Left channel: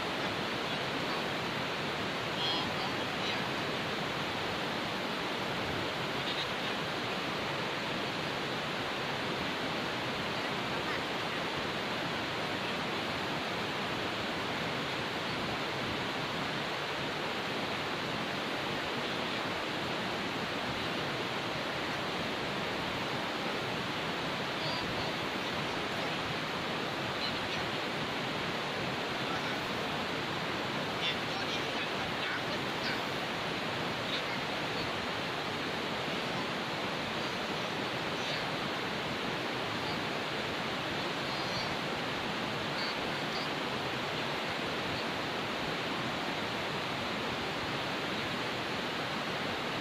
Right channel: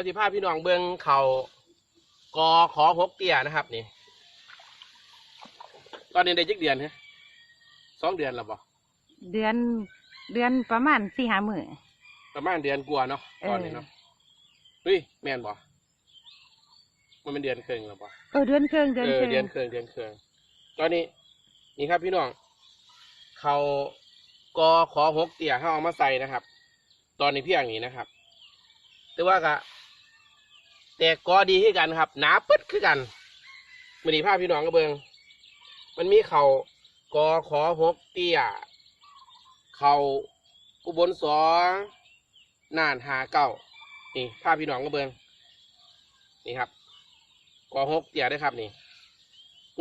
ยวสิพาพี่น้องเบิ่งเขากอขอพบเกียร์นะครับนี่ตอนนี้ได้จักเดือนนะสองเดือนแล้วป่ะเดือนเดือนประมาณสี่ห้ามื้อประมาณเดือนกว่าเนาะเออเฮ้ยแม่นป่ะมันเป็นเดือนเต็มเออเดือนครึ่งเดือนเอคอรึ่งเดือนเต็มเดือนเต็มตอนนี้นี่ครับพี่น้องเขากอขอพบเกียร์เขาเอามาใส่นะครับ ตอนนี้เพียงนี้นะครับถือว่ากะ แตกกอดีที่กันครับหนาปึ๊ดคือกันมันดีภาพพี่น้องกระเบิงมันมีเขากอขอพบเกียร์เขาอุบลสองน่านหาเก้านี่ภาพพี่น้องกระเบิงนี่ครับกอพบเกียร์ได้ครับนี่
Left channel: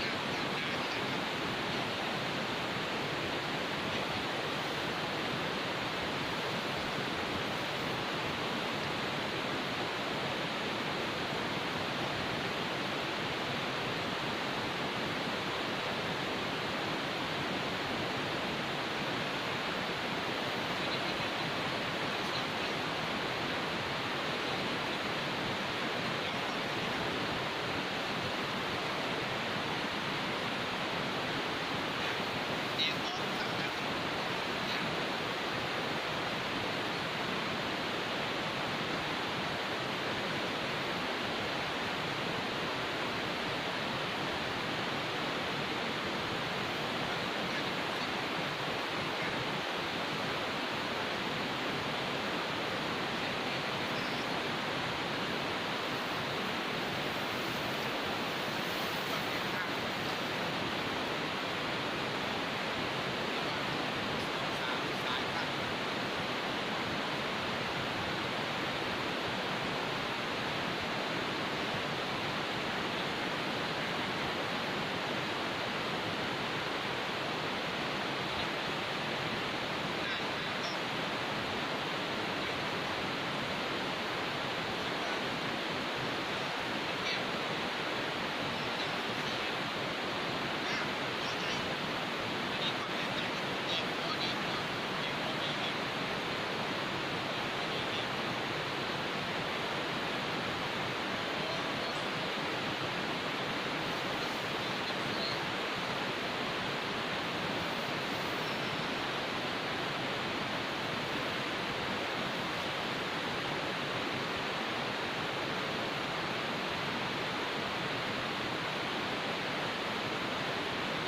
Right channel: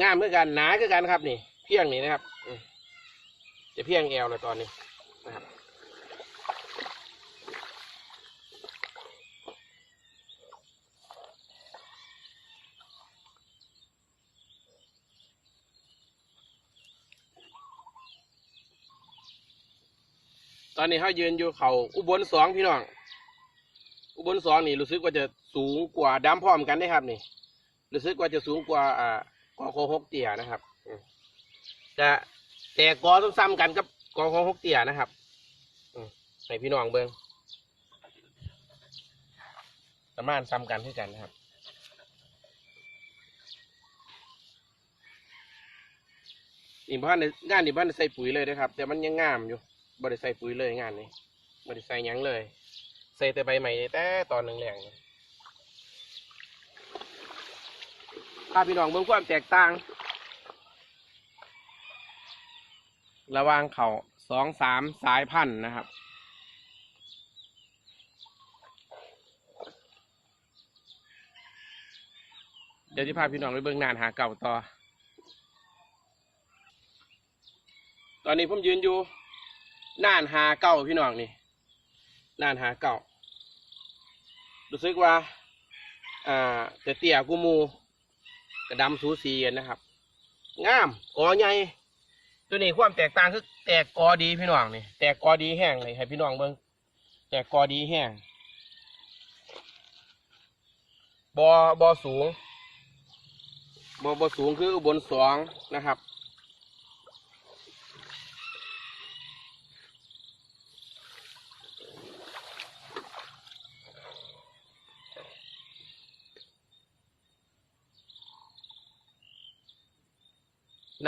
งามเหมือนกันหนาคือกันครับนี่เพียงนี้นะครับจะเพียงแอวไปก่อน ตอนนี้เขายืนอยู่เขาอุบลสองพี่น้องอุบลสองนี่รู้สึกว่าจะสูงกว่าดัมพร้อมกันนะครับนี่รู้สึกว่าจะสูงกว่าอ่าโอหกเกียร์นะครับจะแต่กอต้องซ้ำกันกับกอหกเกียร์นะครับให้พี่น้องเบิ้งประมาณซ้ำกันที่กันนี่บ้านในงานนี่บ้านใส่ปุ๋ยเลยนะครับแต่มันยังงามอยู่ บริใส่ปุ๋ยเลยงานนี้ใส่หยังเลยใส่แต่ใบใหม่แต่ตอนนึงเนี่ยถ้าพี่น้องเบิ่งความแตกต่าง ระวางเขาสองสามสายพันธุ์นะครับเดี๋ยวจะพาพี่น้องไปเบิ่งงานหาเก่าต่อ ตอนนี้ผมยืนอยู่ น่านหาเก่าพี่น้องนี่น่านหาเก่ารู้สึกว่าอ่าจะเตี้ยกูมูดำสูสีกันนะครับงามกอใหญ่ตัวนี้ความแตกต่างคือแตกกอดีพี่น้องนี่แตกกอดีแห้งเลยให้พี่น้องเบิ่งแตกกอดีแห้งบอบอสูงบอบอสูงคือบนสองนะครับ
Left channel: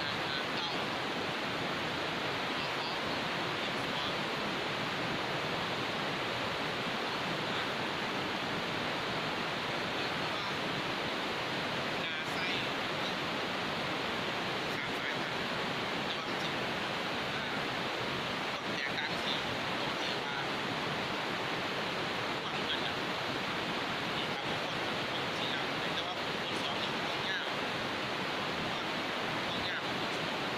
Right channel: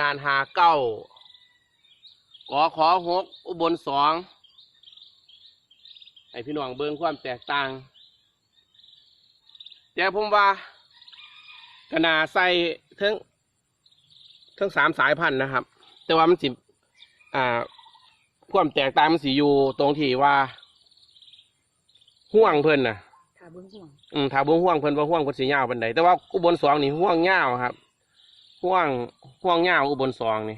นานหาเก้าขอขอหกอุบลสองให้พี่น้องเบิ่งความแตกต่าง แต่ผมว่าขนาดใส่ทั้งทั้งสามสายพันธุ์นะครับ แต่ว่ามันสิอ่าความแตกต่างมันสิอยู่ตรงที่ว่าห่วงเพิ่นน่ะ อืมถ้าบ่ห่วงเพิ่นบ่ห่วงเพิ่นสิยาวปานใดแต่ว่าอุบลสองนี่ห่วงยาครับห่วง ห่วงยาวอุบลสองนี่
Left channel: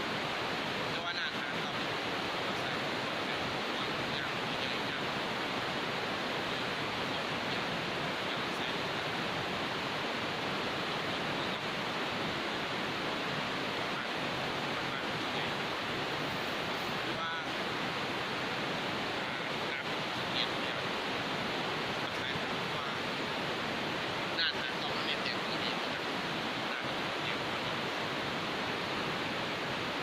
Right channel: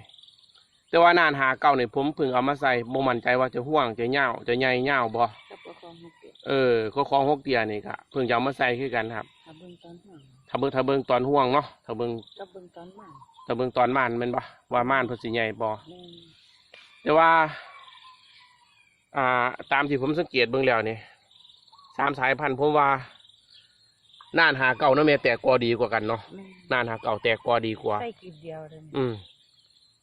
แต่ว่านานหาเก่าเนี่ยผมเพิ่งเอามาใส่โมมันใจว่าจะห่วงจะยาวจะใหญ่ยาวบ่เออพวกของหกเกียร์นี่ครับเพิ่งจะเอามาใส่คือกันครับถ้าเบิงถ้าเบิงตอนห่วงเนาะถ้าเบิงถ้าเบิงตอนม่านมันบ่ว่าม่านพิ่นสิใหญ่บ่แต่ว่าอ่าตามที่ผมสังเกตเบิ่งแล้วนี่ตามสายพันธุ์ผมว่าน่านหาเก่าเนาะแม่แต่กอดีกว่ากันเนาะน่านหาเก่าแต่กอดีกว่า อืม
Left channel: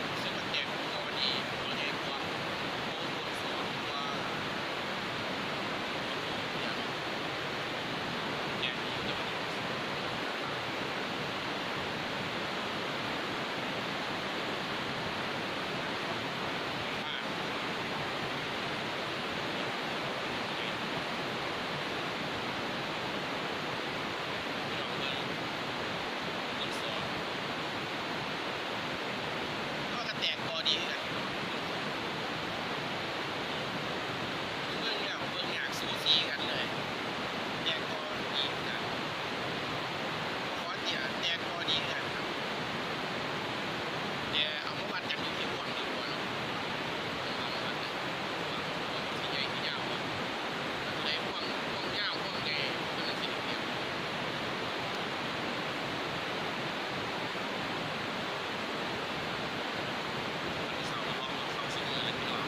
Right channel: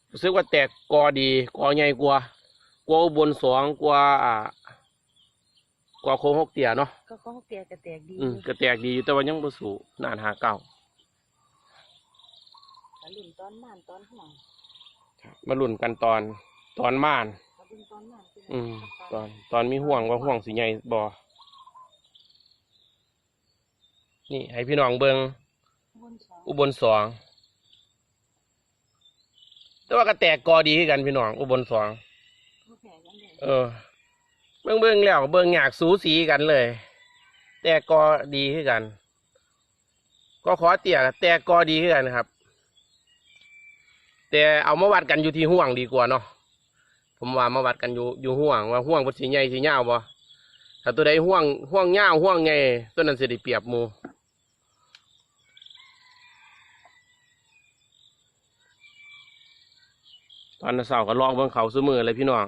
รู้สึกว่าแตกกอดีกอใหญ่กว่ากว่าอุบนสองกว่าอ่ากว่าโคงหกเกียร์เนาะอืมจะแตกดีอยู่แต่ว่ายังบ่สูงนานหาเก่ามาลุ่นกันตอนตอนม่าน อืมตอนตอนมีห่วงว่าห่วงสีใหญ่บ่นี่ให้พี่น้องเบิงอุบลสอง แต่ว่าก็แตกกอดีกันพี่น้องอุบลสองเออ เบิ่งเบิ่งแล้วเบิ่งอยากสูสีกันเลย แตกกอดีคือกัน ก็ขอเตี่ยแตกกอดีคือกันครับ แต่เอามาวัดกันอยู่ที่ห่วงดีกว่าเนาะผมว่ามาวัดกันอยู่อยู่ห่วงว่าห่วงเป็นสีใหญ่สียาวบ่แต่ตัวใดห่วงห่วงยาวห่วงใหญ่ตัวนั้นเสิได้เปรียบมู วันเสาร์ก็ลองเบิ่งเขาซื้อมือเลยพี่น้อง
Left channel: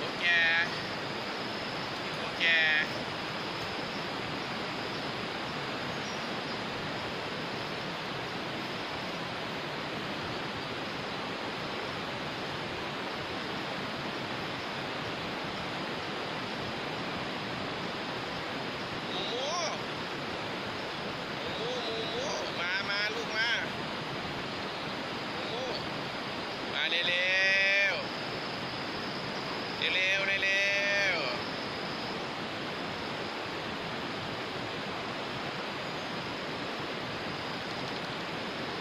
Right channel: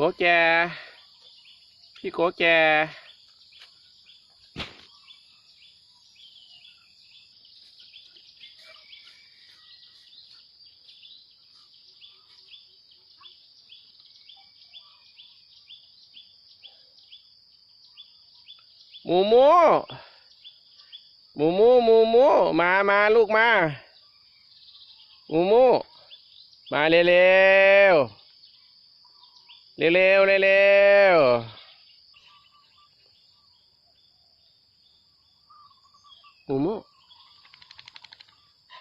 โกแกพี่โกแกหมูหมูหมูหมูหมูห เร็วเร็วๆเร็วเร็วเร็วเร็วหูมุ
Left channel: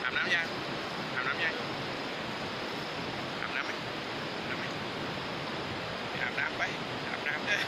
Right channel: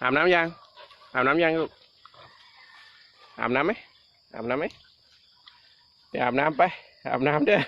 อาบน้ำยัง อาบน้ำยังลูก อาบน้ำไหมอาบน้ำไหมไปอาบน้ำไป อาบน้ำเด้อ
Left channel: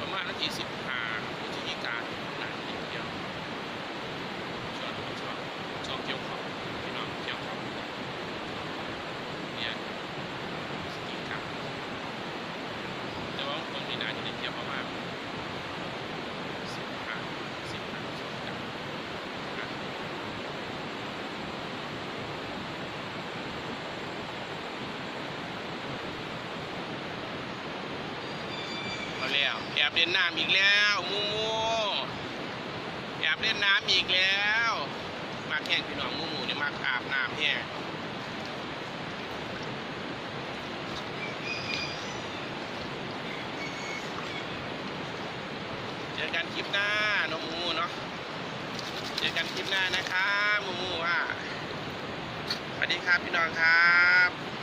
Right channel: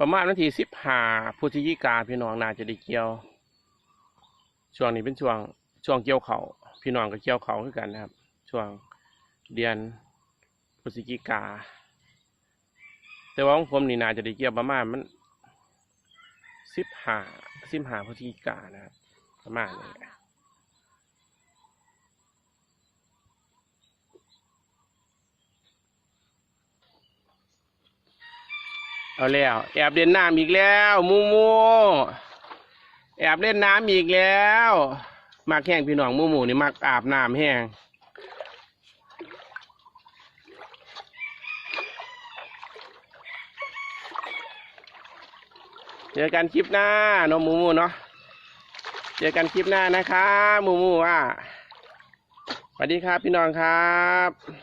ประมาณนาทีสิบห้าพฤศจิกาพี่น้องนาจะได้เกี่ยวช่วงนี้เป็นช่วงช่วงเกี่ยวเขาพี่น้องก็เกี่ยวเขาวคือนกันนะช่วงเดือนพฤศจิกา แต่ว่าของผมนี่นาจะได้เกี่ยวประมาณมันสิบห้าสิบห้าพฤศจิกามา เอาแล้ว แอบเล่นน้ำอีกแล้วมูมูแอบเล่นน้ำอีกแล้วมักแห้งพี่น้องมูมูนี่มักอาบน้ำแห้งเจอกันคลิปหน้าน้องมูมูเนาะเจอกันคลิปหน้านะครับมูมูว่าสวัสดีครับพี่น้องครับ